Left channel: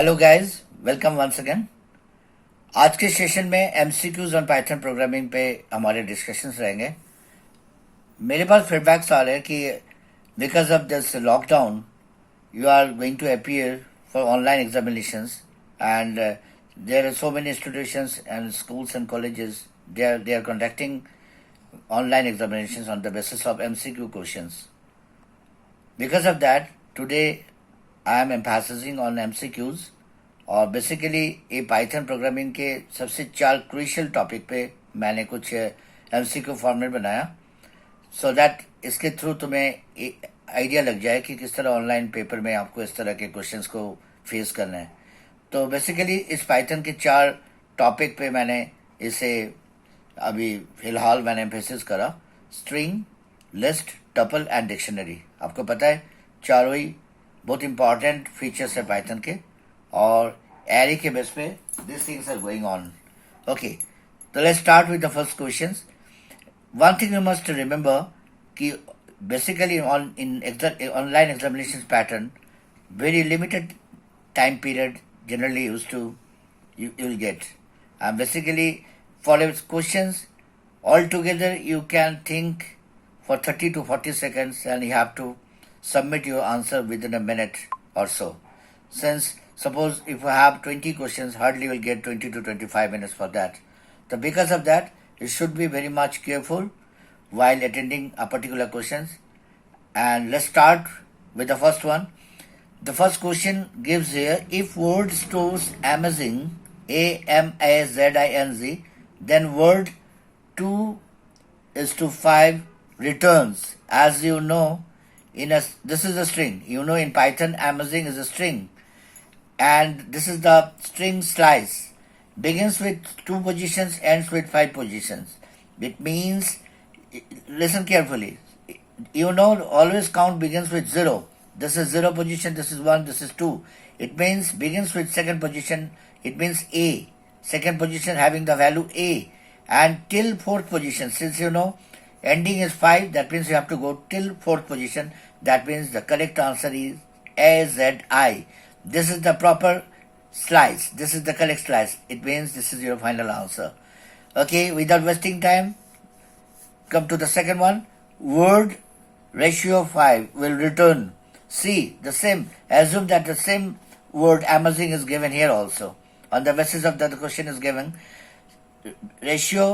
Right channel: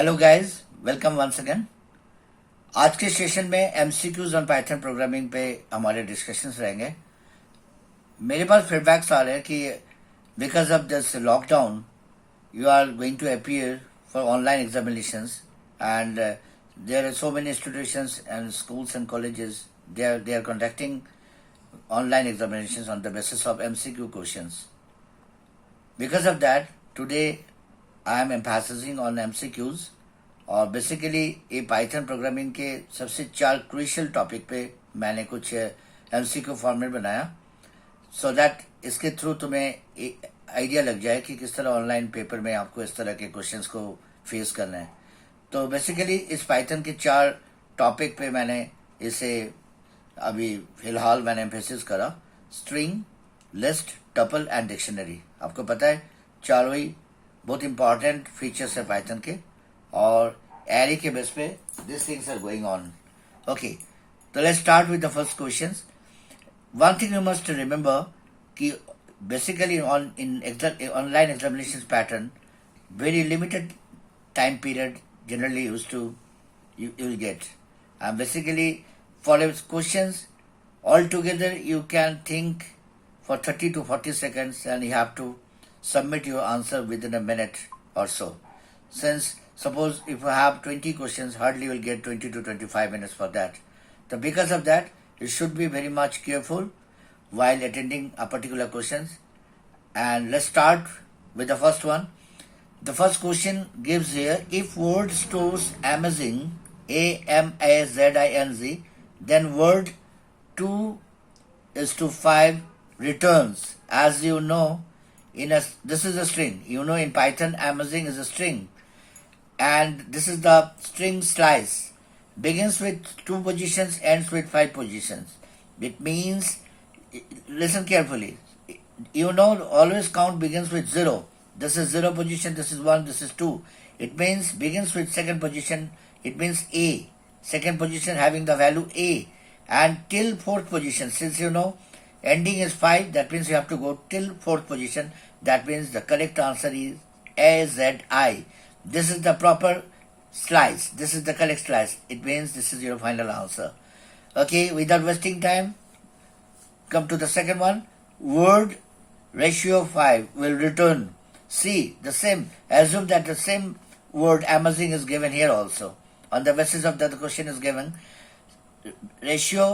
Hello guys, welcome once again. आज के session में एमसीक्यूज ऑन पाइथन प्रोग्रामिंग पे हमारे डिस्कशंस रहेंगे। मेरे पास फीडबैक्स आ रहे हैं कि because of this lockdown you are going to appear for online examinations and there are so many institutions and schools and colleges they are conducting online examinations on the basis of MCQ questions. Because of that, today I am emphasizing on MCQs और basically ये Python programming के सबसे 4 crucial topic पे मैंने कुछ MCQ format बनाया so that इसके through तुम्हें आइडिया लग जाए कि किस तरह ऑनलाइन पेपर में आपको इस तरह के क्वेश्चंस को फेस करना है। तो बेसिकली इस पाइथन के 4 टॉपिक पे मैंने इसे अभी फिलहाल मैंने एम्फेसिस करा। String, list, tuple and dictionary. आपको पता है चारों ही बहुत इंपॉर्टेंट फीचर्स है पाइथन के और एरे के बेस पे this things are going on. Okay, तो let's start with the first question. One thing you must remember कि basically online examination pattern very limited time period generally used to you'll get, and basically for questions altogether you can think for 30 to 40 seconds and you have to submit your answer within a minute or so. Since suppose if you have 20 questions, hardly you will get 20 to 25 minutes for that. So because of that, you should be very much careful while attending a particular questions. And let's start with the first one. The first question gives here, if word stores amazing, AMAZING, then word 2 is to 5 returns. As you know, this is a string. You know in Python, amazing is a string. And this is the string slice. Begins with 2 positions, ends with 5 positions. It means, listen carefully. You know, always count begins with 0. This is 0 position, this is 1, this is 2. It means begins with second position, it means A. Second position having the value A. And till fourth position, since you know ending is 5, that means you have to go till fourth position. That means the correct answer is AZI. This is the proper slice. This is the correct slice. It means this is your final answer. Okay, without wasting time, come to the second one. Word ratio 5 will return. See, the same, assume that the same word amazing is given here also. On the basis of that the question is given, ratio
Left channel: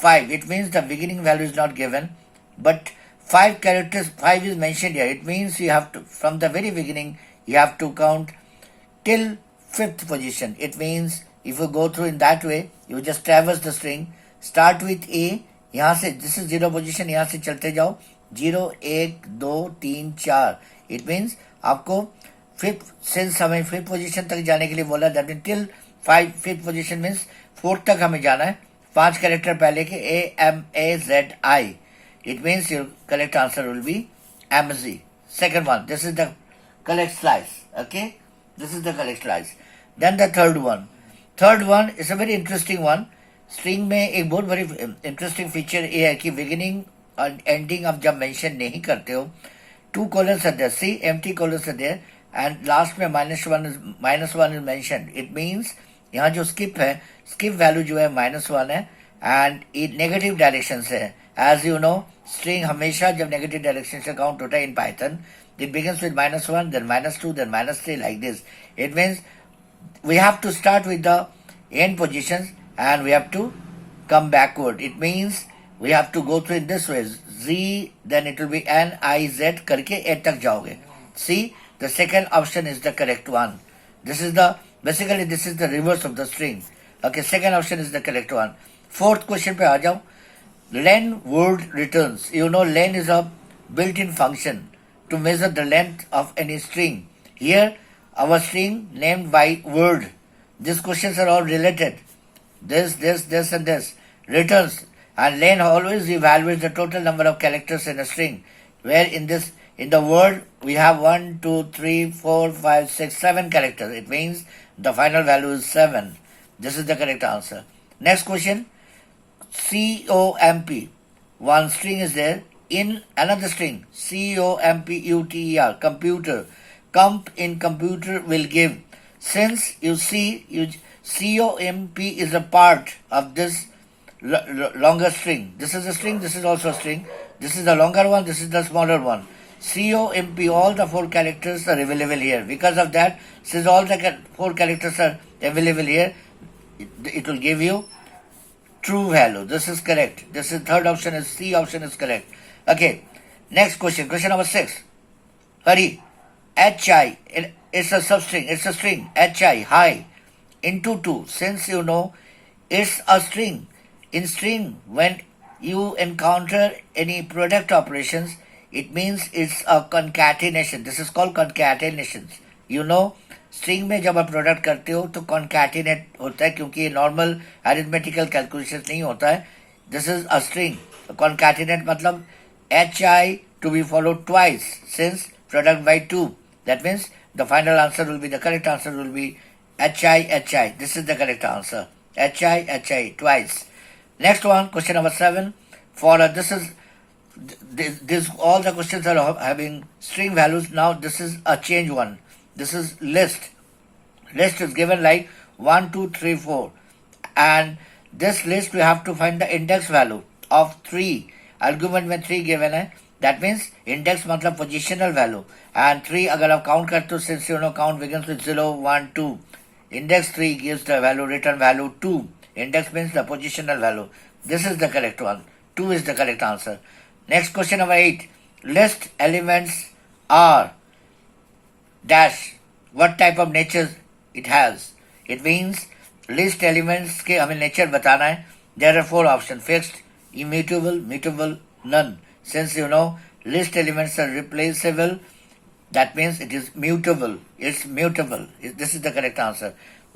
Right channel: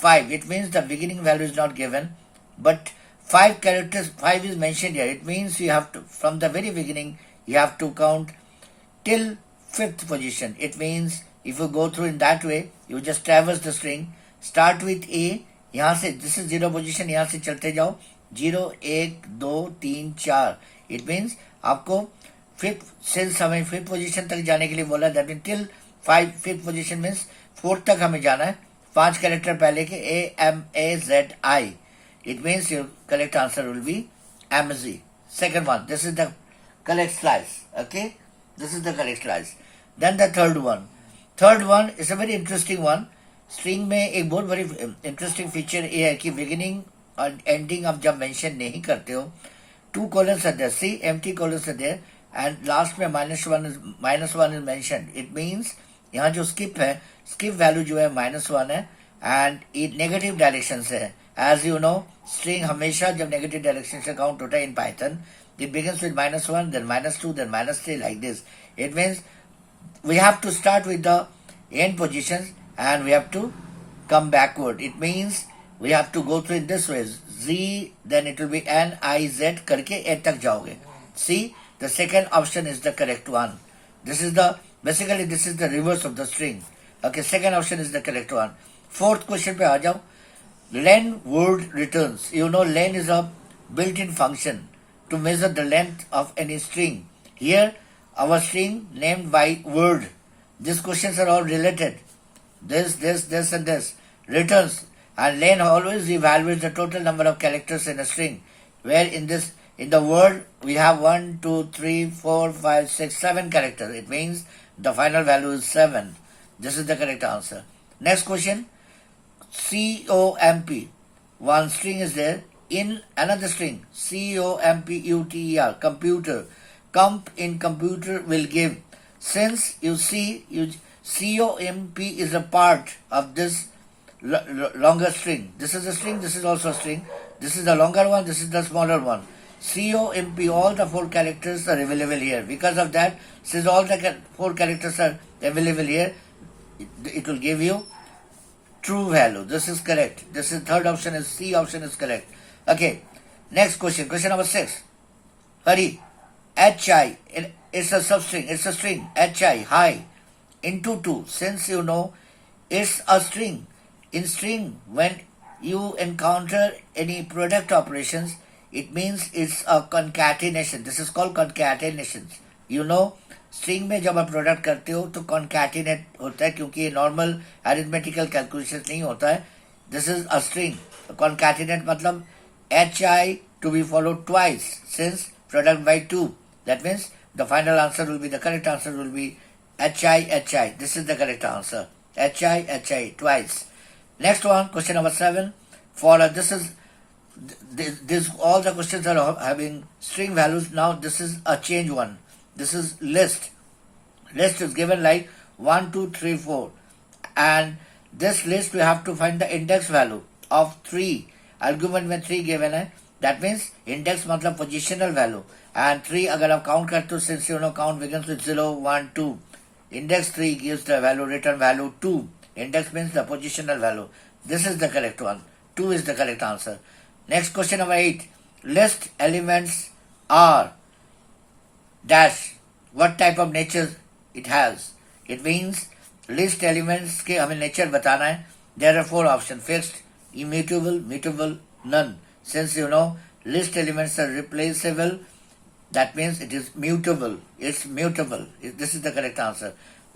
5, it means the beginning value is not given, but 5 characters, 5 is mentioned here. It means you have to, from the very beginning, you have to count till 5th position. It means if you go through in that way, you just traverse the string, start with A, यहाँ से, this is 0 position, यहाँ से चलते जाओ, 0, 1, 2, 3, 4. It means आपको fifth position तक जाने के लिए बोला, that mean till 5th position means 4th तक हमें जाना है। 5 कैरेक्टर पहले के AMAZI. It means your correct answer will be MG. Second one, this is the correct slice. Okay, this is the correct slice. Then the third one is a very interesting one. String में एक बहुत बड़ी interesting feature ये है कि beginning और ending आप जब मेंशन नहीं करते हो, 2 colons are there. See, empty colons are there, and last में -1 is mentioned. It means यहाँ जो skip है, skip value जो है -1 है, and it negative direction से है. As you know, string हमेशा जब negative direction से count होता है in Python, it begins with -1, then -2, then -3 like this. It means we have to start with the end positions and we have to come backward. It means we have to go through in this way. Z, then it will be NIZ करके A तक जाओगे. See, the second option is the correct one. Basically this is the reverse of the string. Okay, second option is the correct one. Fourth question पे आ जाओ. Len word returns. You know len is a built-in function to measure the length of any string. Here, our string named by word. These questions are all related. This and this. Returns. And len always evaluates the total number of characters in a string, where in the word we have 1, 2, 3, 4, 5, 6, 7 characters. It means the final value is 7. This is the correct answer. Next question, COMP. One string is there. In another string, COMPUTER, computer. Comp in computer will give Since you see, COMP is a part of this longer string. This is a string, this is also a string. This is the longer one, this is the smaller one. COMP, all the 4 characters are available here. Because of that, since all the 4 characters are available here, it will give you true value. This is correct. This is third option, is C option is correct. Okay, next question. Question number 6. Hurry. HI, it's a substring, it's a string. HI, high, into 2. Since you know it's a string. In string, when you encounter any product operations, it means it's a concatenation. This is called concatenations. You know, string में जब आप product करते हो तो concatenate होता है, क्योंकि normal arithmetical calculation नहीं होता है. This is a string. Concatenate मतलब H I to be followed twice since product by 2. That means the final answer will be, the correct answer will be H I. This is the correct answer. H I twice. Next one, question number 7. For this all the questions are having string values. Now this is a change one. This is list. List is given like 1, 2, 3, 4. And this list we have to find the index value of 3. Argument में 3 given है. That means index मतलब positional value. And 3 अगर आप count करते हो, since you know count begins with 0, 1, 2. Index 3 gives the value, return value 2. Index means the positional value. This is the correct one. 2 is the correct answer. Next question number 8. List elements are dash. What type of nature it has? It means list elements के हमें nature बताना है. There are 4 options: fixed, immutable, mutable, none. Since you know list elements are replaceable, that means it is mutable. It's mutable. This is the correct answer.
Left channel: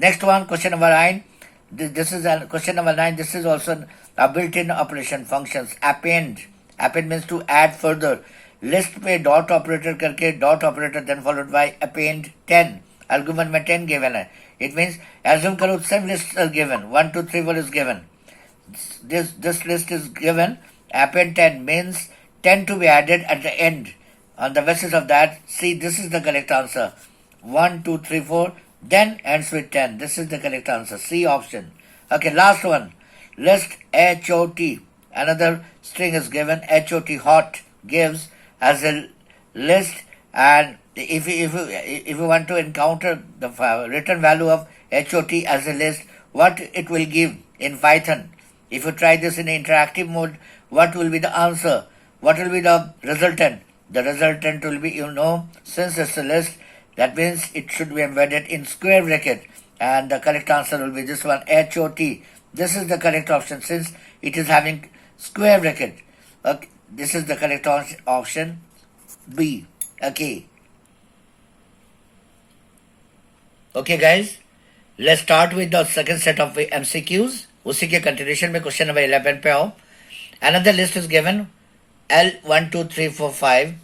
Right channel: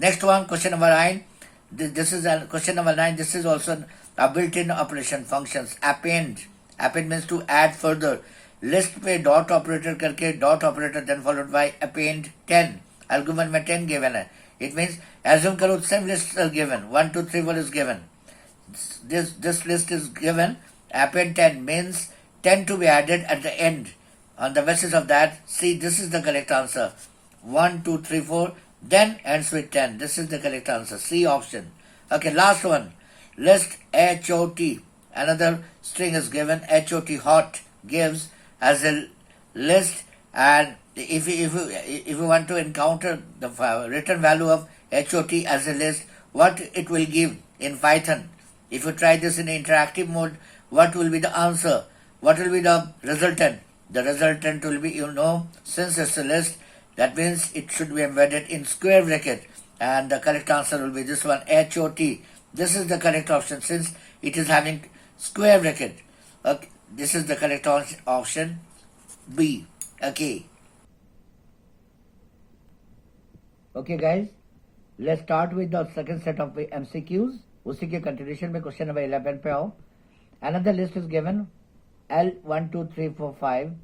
Next one, question number 9. This is question number 9. This is also a built-in operation functions. Append. Append means to add further. List पे dot operator करके dot operator then followed by append 10. Argument में 10 given है. It means assume करो some lists are given. 1, 2, 3, 4 is given. This list is given. Append 10 means 10 to be added at the end. On the basis of that, see, this is the correct answer. 1, 2, 3, 4. Then ends with 10. This is the correct answer. C option. Okay, last one. List HOT. Another string is given. HOT, hot, gives as a list. And if you want to encounter the return value of HOT as a list, what it will give in Python? If you try this in interactive mode, what will be the answer? What will be the resultant? The resultant will be, you know, since it's a list, that means it should be embedded in square bracket. And the correct answer will be this one, HOT. This is the correct option since it is having square bracket. Okay, this is the correct option, B. Okay. Okay guys, let's start with the second set of MCQs. उसी के continuation में question number 11 पे आओ. Another list is given, L1, 2, 3, 4, 5.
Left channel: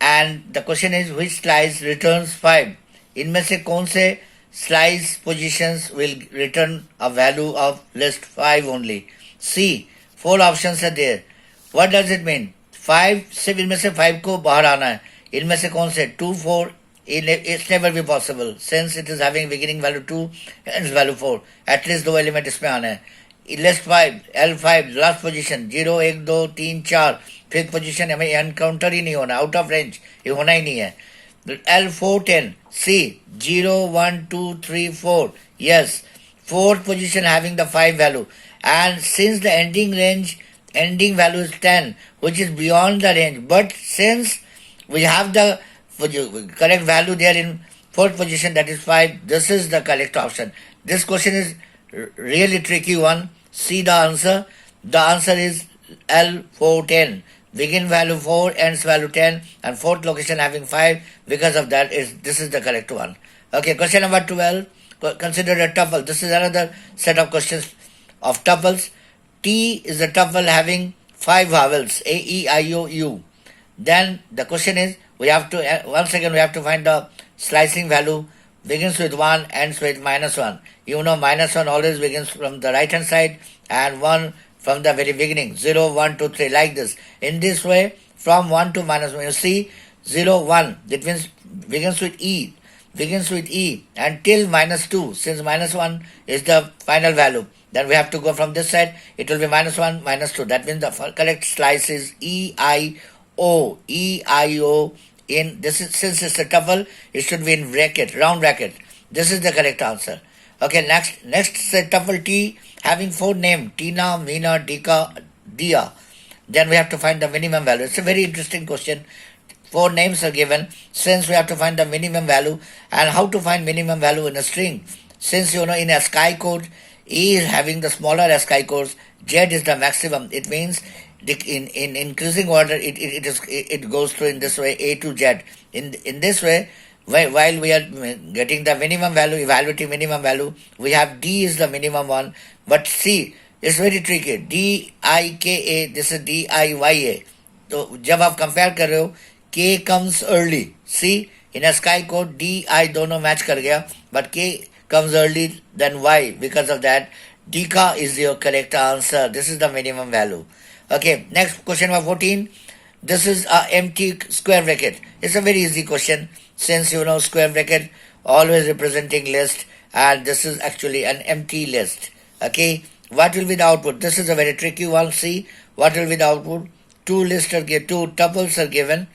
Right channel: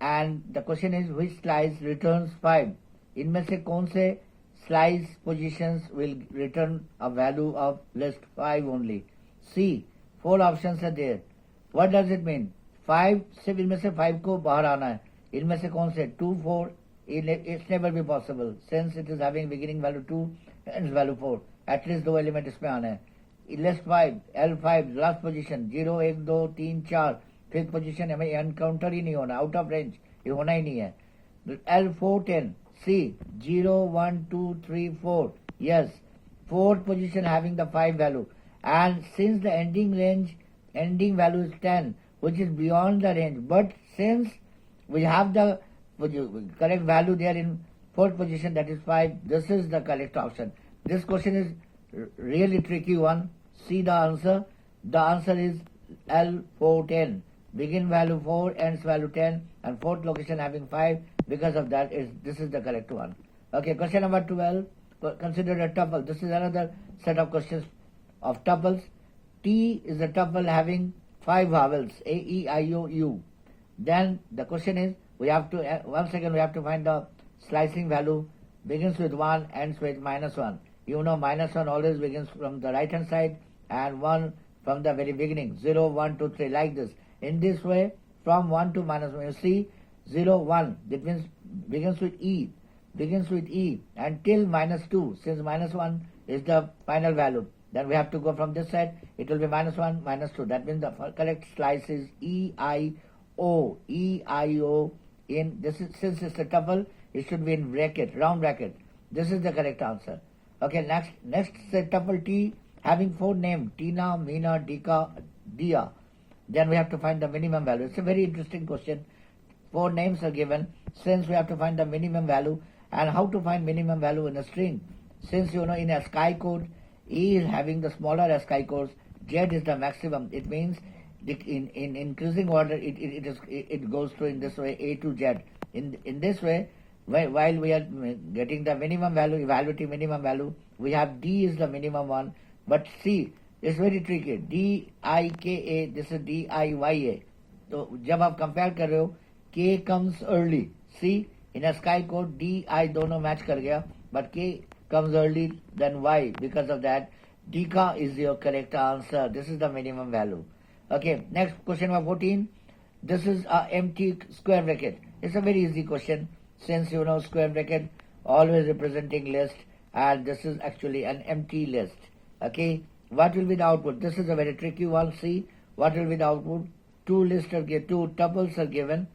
And the question is which slice returns 5? इनमें से कौन से slice positions will return a value of list 5 only? C. 4 options are there. What does it mean? 5 सिर्फ इनमें से 5 को बाहर आना है. इनमें से कौन से 2, 4? It's never be possible since it is having beginning value 2 and value 4. At least 2 element इसमें आना है. List 5, L5, last position 0, 1, 2, 3, 4. Fifth position हमें एनकाउंटर ही नहीं होना, आउट ऑफ रेंज ये होना ही नहीं है. L4, 10. C. 0, 1, 2, 3, 4. Yes. Fourth position having the 5 value. And since the ending value is 10, which is beyond the range. But since we have the correct value there in fourth position, that is 5, this is the correct option. This question is really tricky one. See the answer. The answer is L4, 10. Begin value 4, ends value 10, and fourth location having 5. Because of that, this is the correct one. Okay, question number 12. Consider a tuple. This is another set of questions of tuples. T is a tuple having 5 vowels, A, E, I, O, U. Then the question is, once again we have to find the slicing value. Begins with 1, ends with -1. You know -1 always begins from the right hand side and 1 from the very beginning. 0, 1, 2, 3, like this. In this way, from 1 to -1, you see 0, 1, that means begins with E. begins with E and till -2, since -1 is the final value, then we have to go from this side. It will be -1, -2. That means the correct slice is EIO. EIO in this is, since it's a tuple, it should be in bracket, round bracket. This is the correct answer. Okay, next say tuple T having 4 names: Tina, Meena, Dika, Dia. Then we have to find the minimum value. It's a very interesting question. 4 names are given. Since we have to find the minimum value, and how to find minimum value in a string. Since in a ASCII code, E is having the smaller ASCII codes, Z is the maximum. It means in increasing order, it goes through in this way, A to Z. In this way, while we are getting the minimum value, evaluating minimum value, we have D is the minimum one, but C is very tricky. DIKA, this is DIYA. So जब आप compare कर रहे हो, K comes early. See, in ASCII code, D, I दोनों match कर गया, but K comes early than Y. Because of that, Dika is your correct answer. This is the minimum value. Okay, next question number 14. This is a empty square bracket. It's a very easy question, since square bracket always representing list, and this is actually an empty list. Okay, what will be the output? This is a very tricky one. See, what will be the output? Two tuples are given.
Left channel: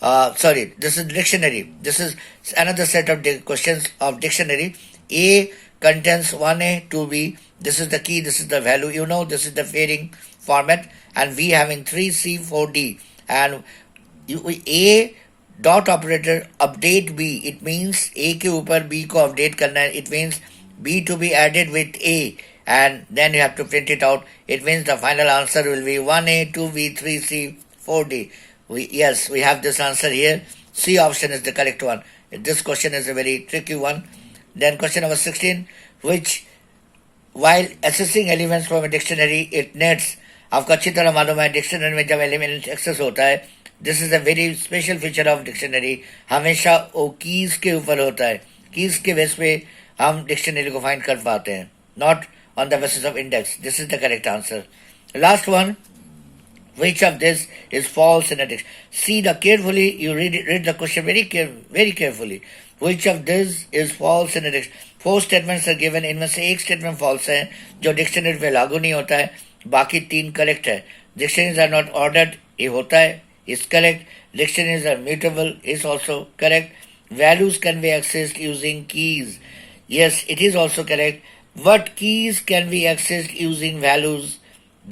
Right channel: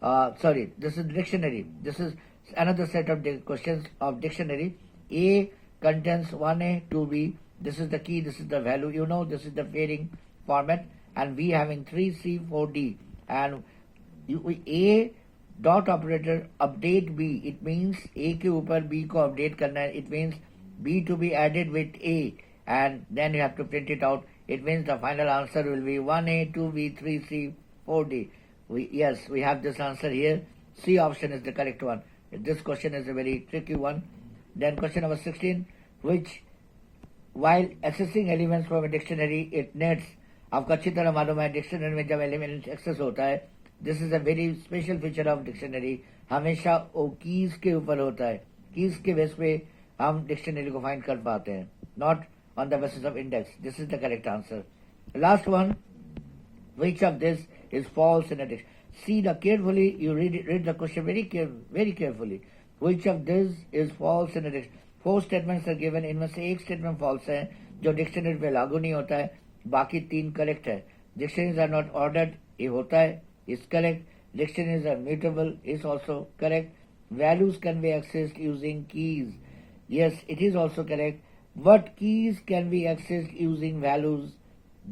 Sorry, this is dictionary. This is another set of questions of dictionary. A contains 1A, 2B. This is the key, this is the value. This is the pairing format. And V having 3C, 4D. And A dot operator update B. It means A के ऊपर B को update करना है. It means B to be added with A. And then you have to print it out. It means the final answer will be 1A, 2B, 3C, 4D. Yes, we have this answer here. C option is the correct one. This question is a very tricky one. Then question number 16, which while assessing elements from a dictionary, it nets. आपको अच्छी तरह मालूम है dictionary में जब element access होता है, this is a very special feature of dictionary. हमेशा वो कीज के ऊपर होता है. कीज के बेस पे हम डिक्शनरी को फाइंड कर पाते हैं, not on the basis of index. This is the correct answer. Last one, which of this is false in a dictionary? See carefully, you read the question very carefully. Which of this is false in a dictionary? 4 statements are given. इनमें से एक statement false है जो dictionary पे लागू नहीं होता है, बाकी 3 करेक्ट है. Dictionaries are not ordered, ये होता है, is correct. Dictionaries are mutable, is also correct. Values can be accessed using keys. Yes, it is also correct. What keys can be accessed using values?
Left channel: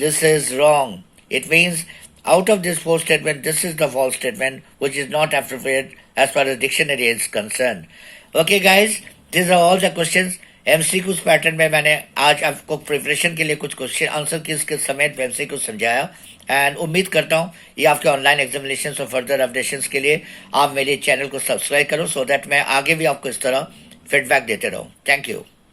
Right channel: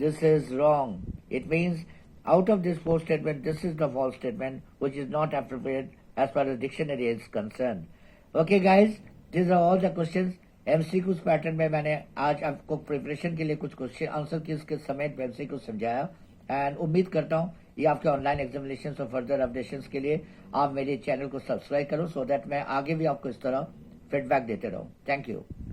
This is wrong. It means out of this 4 statement, this is the false statement, which is not appropriate as far as dictionary is concerned. Okay guys, these are all the questions. MCQs pattern में मैंने आज आपको preparation के लिए कुछ question answer के समेत MCQ समझाया, एंड उम्मीद करता हूँ ये आपके ऑनलाइन एग्जामिनेशन और फर्दर अपडेशंस के लिए आप मेरे चैनल को सब्सक्राइब करो, सो दैट मैं आगे भी आपको इस तरह फीडबैक देते रहूँ. Thank you.